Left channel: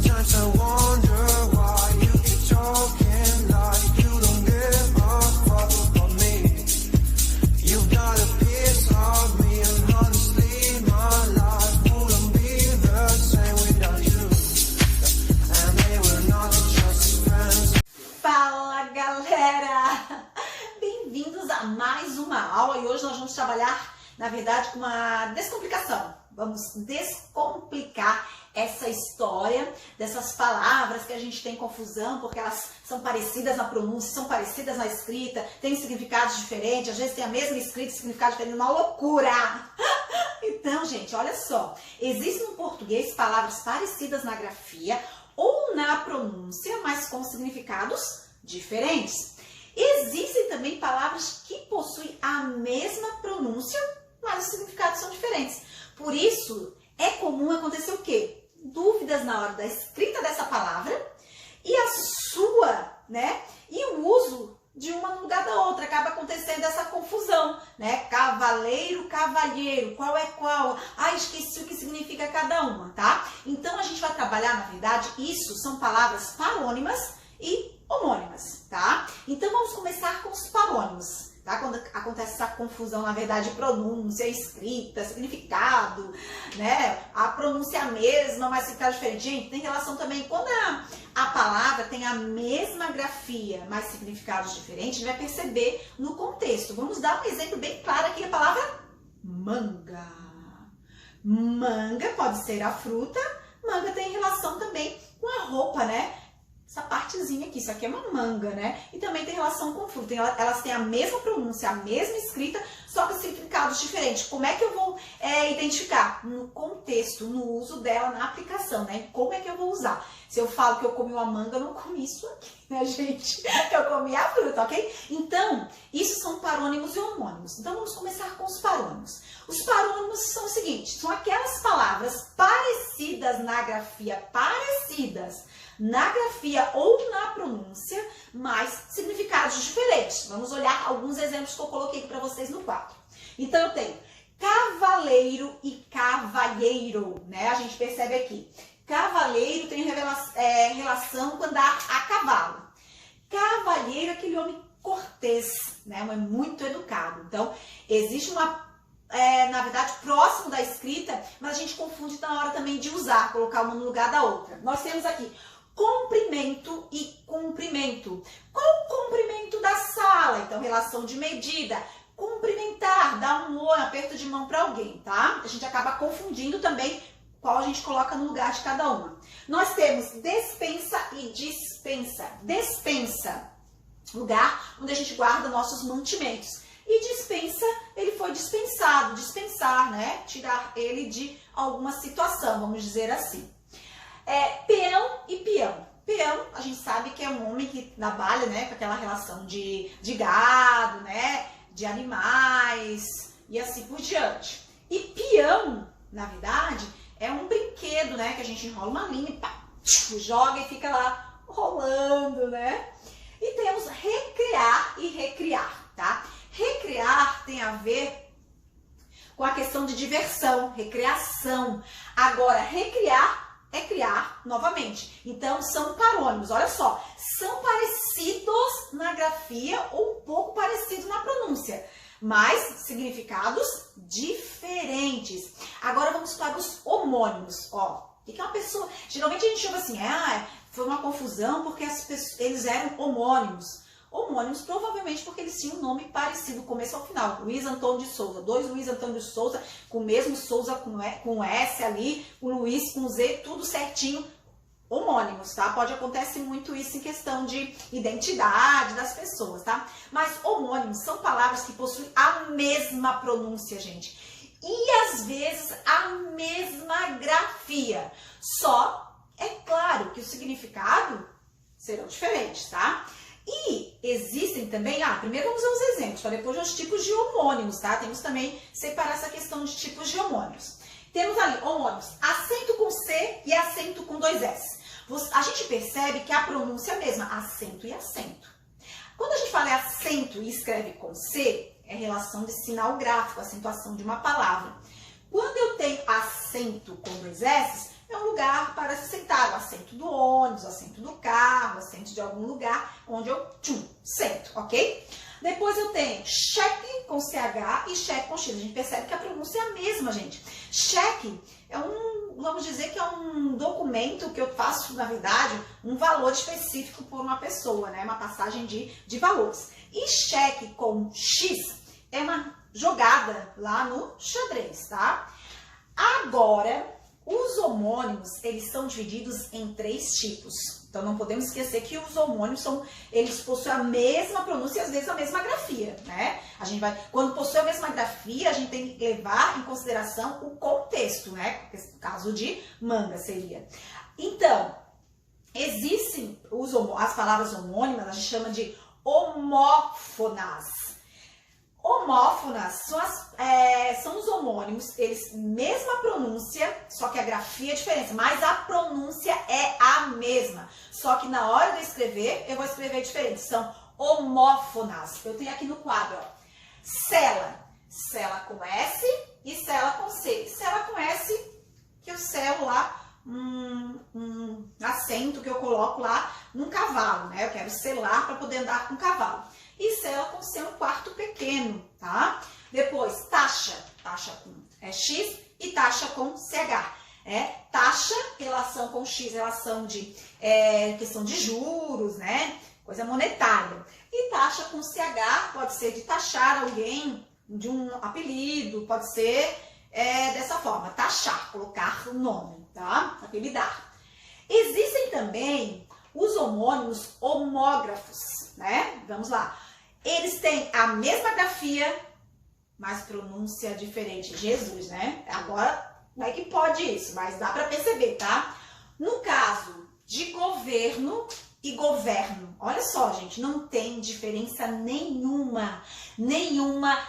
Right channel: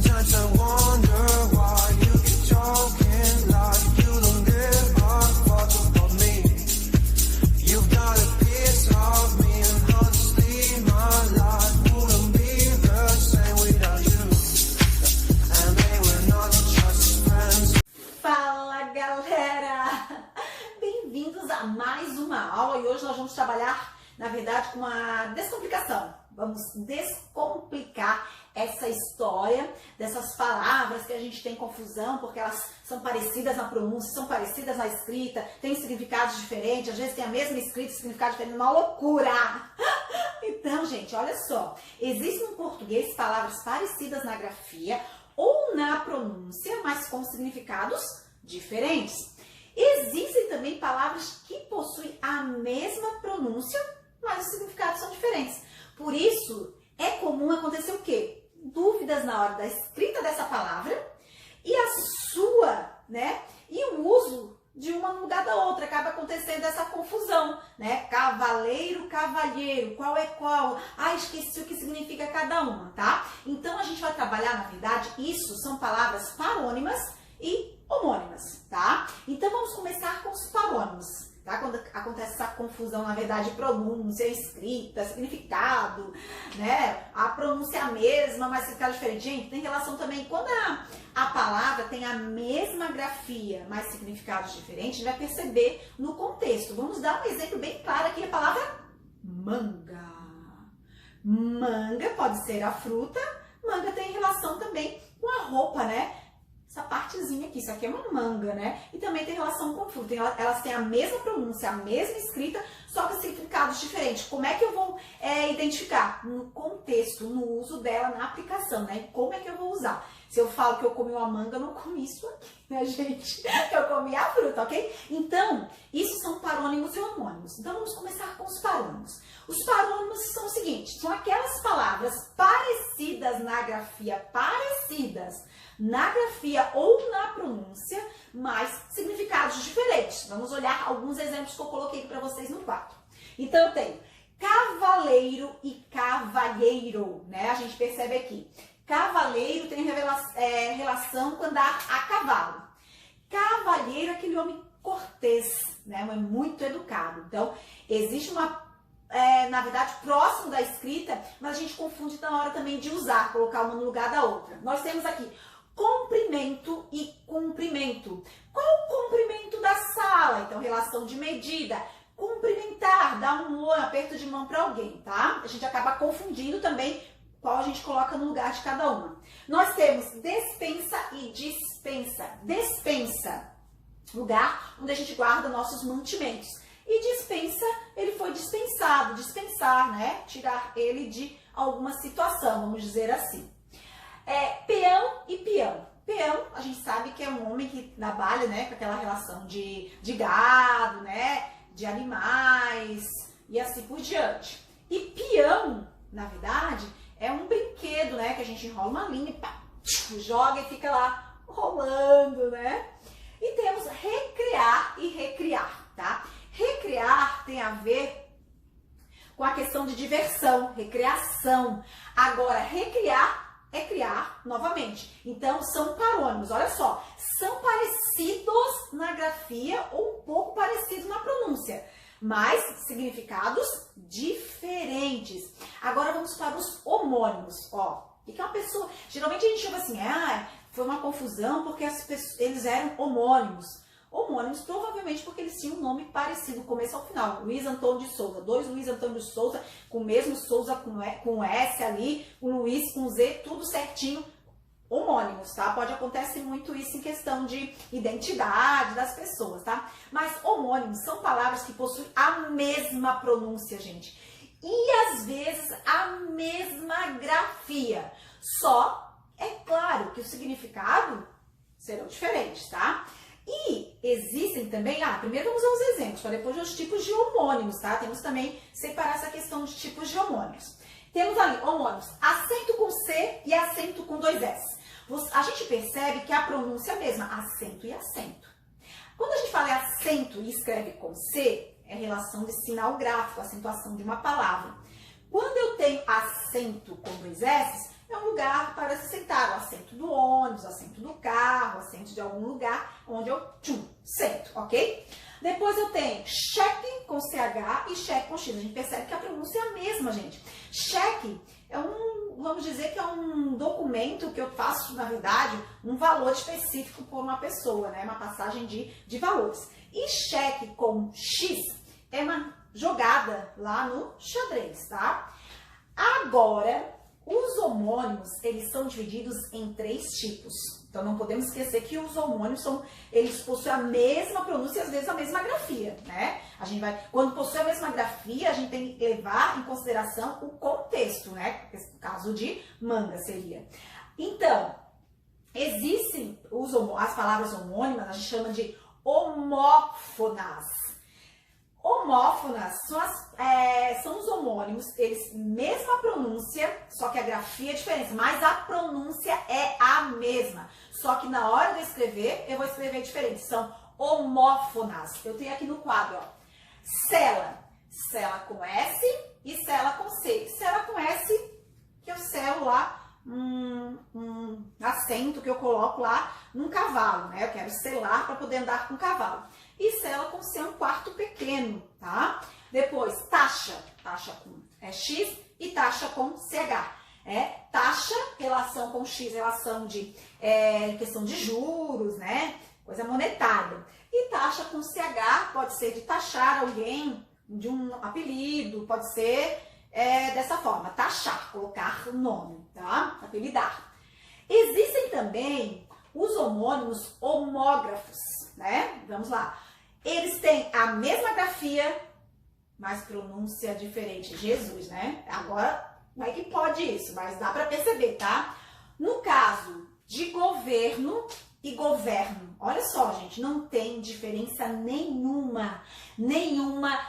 Sometimes I wonder why you keep talking like you don't give a fuck about me. You've got a piece of me, and honestly, my life wouldn't be the same without you. And they were not just friends. Fala, galera! Bem-vindos a mais uma aula e hoje nós vamos trabalhar, na verdade, com uma descomplicação. Vamos descomplicar essa história dessas palavras que a gente tem confusão porque elas são parecidas na pronúncia, são parecidas na escrita, têm significados diferentes, às vezes tem a mesma escrita e significado diferente, uma loucura! Então, gente, olha só, existem no português palavras parecidas na grafia ou na pronúncia, mas com significados diferentes. Existem também palavras que possuem a mesma pronúncia, mas os significados são diferentes. Por isso, é comum acontecer o quê? Dúvidas na hora da escrita dessa palavra e a sua, né? E o uso de uma no lugar da outra. Acaba acontecendo essa confusão, né? Cavaleiro, cavalheiro, qual é qual? Ah, esqueci o que significa cada uma, tá? Então, a gente vai trabalhar, na verdade, isso são palavras parônimas e homônimas, tá? Então, vamos começar com os parônimos. Tá? Quando acontece essa confusão, na verdade, pronúncia, escrita, significado, né? A pronúncia é a mesma, mas significado diferente. Gente, tem relação também, quando a palavra tem a mesma grafia, mas significados diferentes, a gente vai perceber no contexto. Vamos dar um exemplo bem claro aqui, a palavra manga. Manga pode ser a fruta, manga tem relação também com a roupa, né? Essa partezinha aqui, isso aqui é uma manga, né? E também tem relação com fruta. Elas têm a mesma pronúncia, a mesma escrita, só que significados diferentes. Como é que eu vou identificar? No contexto, no uso dela, na aplicação, né? Como é que eu vou usar? Se eu falo que eu comi uma manga, eu não comi isso aqui, né, gente? Eu comi a fruta, ok? Então, isso são parônimos e homônimos. Então, vamos começar com os parônimos. Os parônimos são o seguinte, são aquelas palavras parecidas na grafia, ou na pronúncia, mas significados diferentes. Vamos olhar alguns exemplos que eu coloquei aqui para vocês no quadro. Então, eu tenho cavaleiro e cavalheiro, né? A gente percebe aqui. Cavaleiro tem relação com andar a cavalo. Cavalheiro é aquele homem cortês, né? É muito educado. Então, existe uma na verdade, próximo da escrita, mas a gente confunde na hora também de usar, colocar uma no lugar da outra. Nós temos aqui comprimento e cumprimento. Qual o comprimento da sala? Então, relação de medida. Cumprimentar, dar um oi, aperto de mão para alguém, tá? A gente acaba confundindo também qual a gente coloca no lugar de cada uma. Nós temos despensa e dispensa. Despensa, lugar onde a gente guarda nossos mantimentos. E dispensa, ele foi dispensado, dispensar, né? Tirar ele de alguma situação, vamos dizer assim. Peão e peão. Peão, a gente sabe que é um homem que trabalha, né, com aquela relação de gado, né, de animais e assim por diante. E peão, na verdade, é um brinquedo, né, que a gente enrola uma linha e pá, joga e fica lá rolando, né? E temos recrear e recriar, tá? Recrear tem a ver com a questão de diversão, recreação. Agora, recriar é criar novamente. Então, são parônimos. Olha só, são parecidos na grafia ou um pouco parecidos na pronúncia, mas significados diferentes. Agora, vamos para os homônimos. Ó, o que é uma pessoa... Geralmente, a gente chama assim, foi uma confusão porque eles eram homônimos. Homônimos, provavelmente porque eles tinham um nome parecido, começo ao final. Luiz Antônio de Souza, dois Luiz Antônio de Souza, com o mesmo Souza com S ali, o Luiz com Z, tudo certinho, homônimos, tá? Pode acontecer muito isso em questão de identidade das pessoas, tá? Mas homônimos são palavras que possuem a mesma pronúncia, gente. E às vezes a mesma grafia. Só, é claro que o significado serão diferentes, tá? E existem também, primeiro vamos ver os exemplos, para depois os tipos de homônimos, tá? Temos também separar essa questão de tipos de homônimos. Temos ali homônimos, acento com C e acento com 2 S. A gente percebe que a pronúncia é a mesma, acento e acento. Quando a gente fala acento e escreve com C, é relação de sinal gráfico, acentuação de uma palavra. Quando eu tenho acento com 2 S, é um lugar para se sentar, o assento do ônibus, o assento do carro, o assento de algum lugar onde eu sento, ok? Depois eu tenho cheque com CH e cheque com X. A gente percebe que a pronúncia é a mesma, gente. Cheque é vamos dizer que é um documento que eu faço, na verdade, um valor específico por uma pessoa, né? Uma passagem de valores. E cheque com X é uma jogada lá no xadrez, tá? Agora, os homônimos, eles são divididos em 3 tipos. Então, não podemos esquecer que os homônimos eles possuem a mesma pronúncia e, às vezes, a mesma grafia, né? Quando possui a mesma grafia, a gente tem que levar em consideração o contexto, né? No caso de manga seria. Então, existem as palavras homônimas, a gente chama de homófonas. Homófonas são os homônimos, eles mesma pronúncia, só que a grafia é diferente, mas a pronúncia é a mesma. Só que na hora de escrever, eu vou escrever diferente. São homófonas. Eu tenho aqui no quadro, ó, cela. Cela com S e cela com C. Cela com S, que eu selo lá um assento que eu coloco lá num cavalo, né? Eu quero selar para poder andar com o cavalo. E cela com C, um quarto pequeno, tá? Depois, taxa. Taxa com X e taxa com CH. Taxa, relação com X, relação de questão de juros, né? Coisa monetária. E taxa com CH pode ser de taxar alguém de um apelido, pode ser dessa forma, taxar, colocar nome, tá? Apelidar. Existem também os homônimos homógrafos, né? Vamos lá. Eles têm a mesma grafia, mas pronúncia diferente. Jesus, né? Agora, como é que pode isso? Mas dá para perceber, tá? No caso de governo e governo, olha só, gente, não tem diferença nenhuma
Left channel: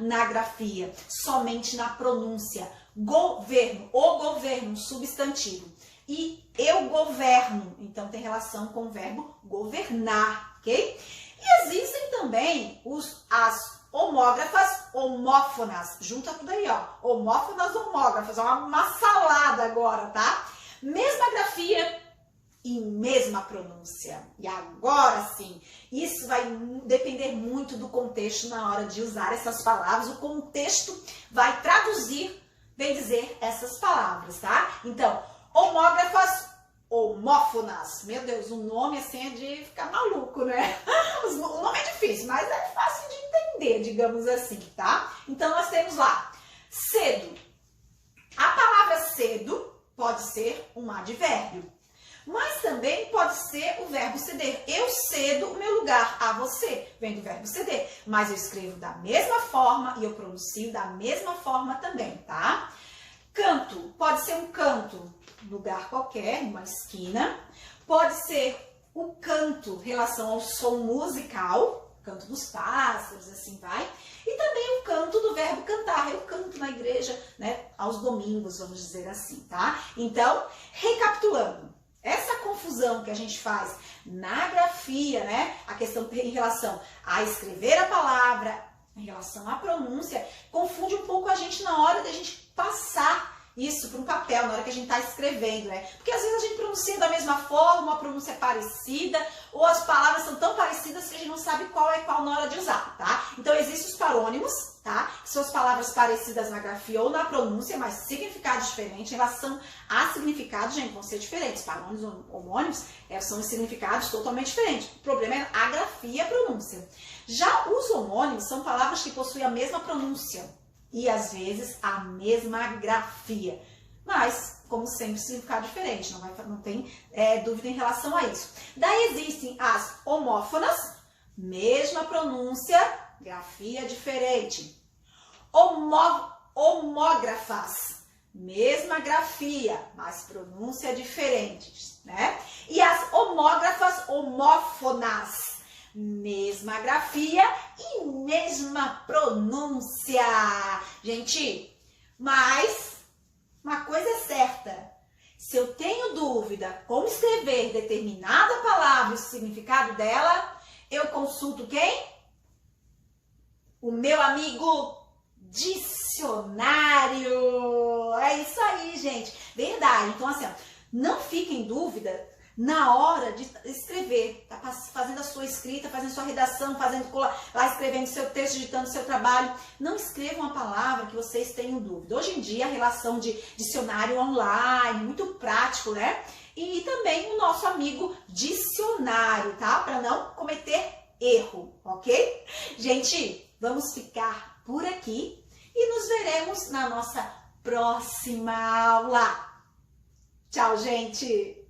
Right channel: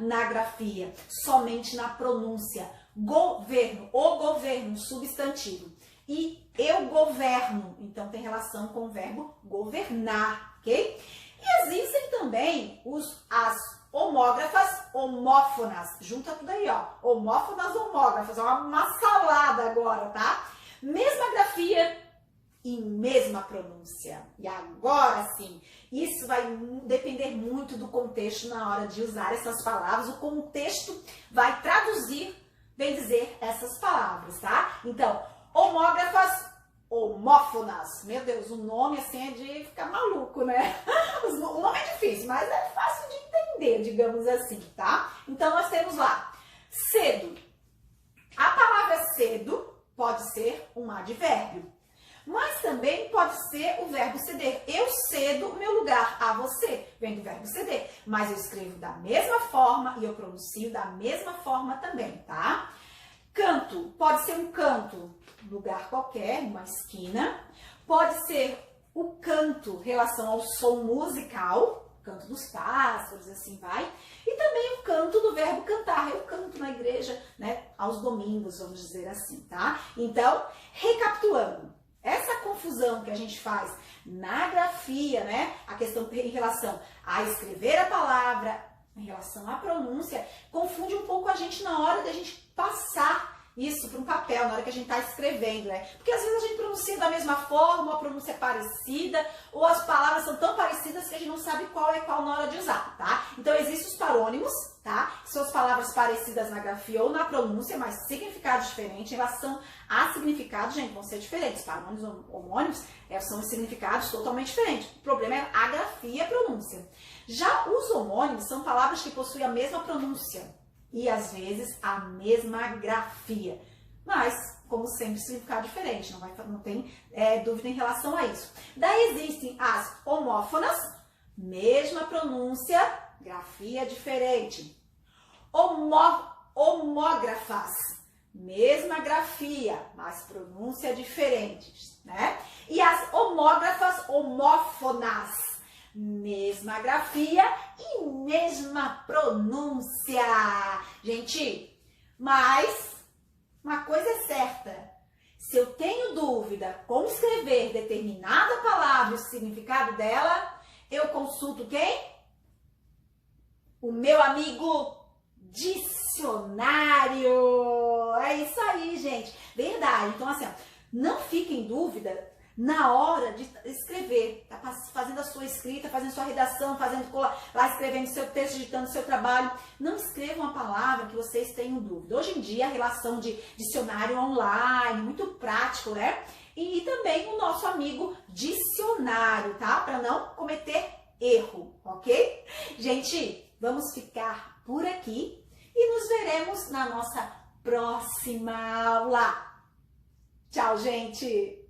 na grafia, somente na pronúncia. Governo, o governo, substantivo. E eu governo, então tem relação com o verbo governar, ok? E existem também as homógrafas, homófonas, junta tudo aí, ó, homófonas, homógrafas, é uma salada agora, tá? Mesma grafia e mesma pronúncia. E agora sim, isso vai depender muito do contexto na hora de usar essas palavras, o contexto vai traduzir, bem dizer, essas palavras, tá? Então, homógrafas, homófonas. Meu Deus, o nome assim é de ficar maluco, né? O nome é difícil, mas é fácil de entender, digamos assim, tá? Então, nós temos lá, cedo. A palavra cedo pode ser um advérbio, mas também pode ser o verbo ceder. Eu cedo o meu lugar a você, vem do verbo ceder, mas eu escrevo da mesma forma e eu pronuncio da mesma forma também, tá? Canto, pode ser um canto, lugar qualquer, uma esquina. Pode ser o canto, relação ao som musical, canto dos pássaros, assim vai. E também o canto do verbo cantar, eu canto na igreja, né, aos domingos, vamos dizer assim, tá? Então, recapitulando, essa confusão que a gente faz na grafia, né, a questão em relação a escrever a palavra, em relação à pronúncia, confunde um pouco a gente na hora da gente passar isso para um papel, na hora que a gente está escrevendo, né? Porque às vezes a gente pronuncia da mesma forma, a pronúncia é parecida, ou as palavras são tão parecidas que a gente não sabe qual é qual na hora de usar, tá? Então existem os parônimos, tá? Que são as palavras parecidas na grafia ou na pronúncia, mas significado diferente. Em relação a significado, gente, vão ser diferentes. Parônimos ou homônimos são os significados totalmente diferentes. O problema é a grafia e a pronúncia. Já os homônimos são palavras que possuem a mesma pronúncia e às vezes a mesma grafia, mas como sempre significado diferente, não tem dúvida em relação a isso. Daí existem as homófonas, mesma pronúncia, grafia diferente. Homógrafas, mesma grafia, mas pronúncia diferente, né? E as homógrafas, homófonas, mesma grafia e mesma pronúncia. Gente, mas uma coisa é certa. Se eu tenho dúvida como escrever determinada palavra e o significado dela, eu consulto quem? O meu amigo dicionário. É isso aí, gente. Verdade. Então, assim, ó, Não fique em dúvida na hora de escrever, tá fazendo a sua escrita, fazendo a sua redação, lá escrevendo seu texto, digitando seu trabalho. Não escreva uma palavra que vocês tenham dúvida. Hoje em dia, a relação de dicionário online, muito prático, né? E também o nosso amigo dicionário, tá? Para não cometer erro, ok? Gente, vamos ficar por aqui e nos veremos na nossa próxima aula. Tchau, gente!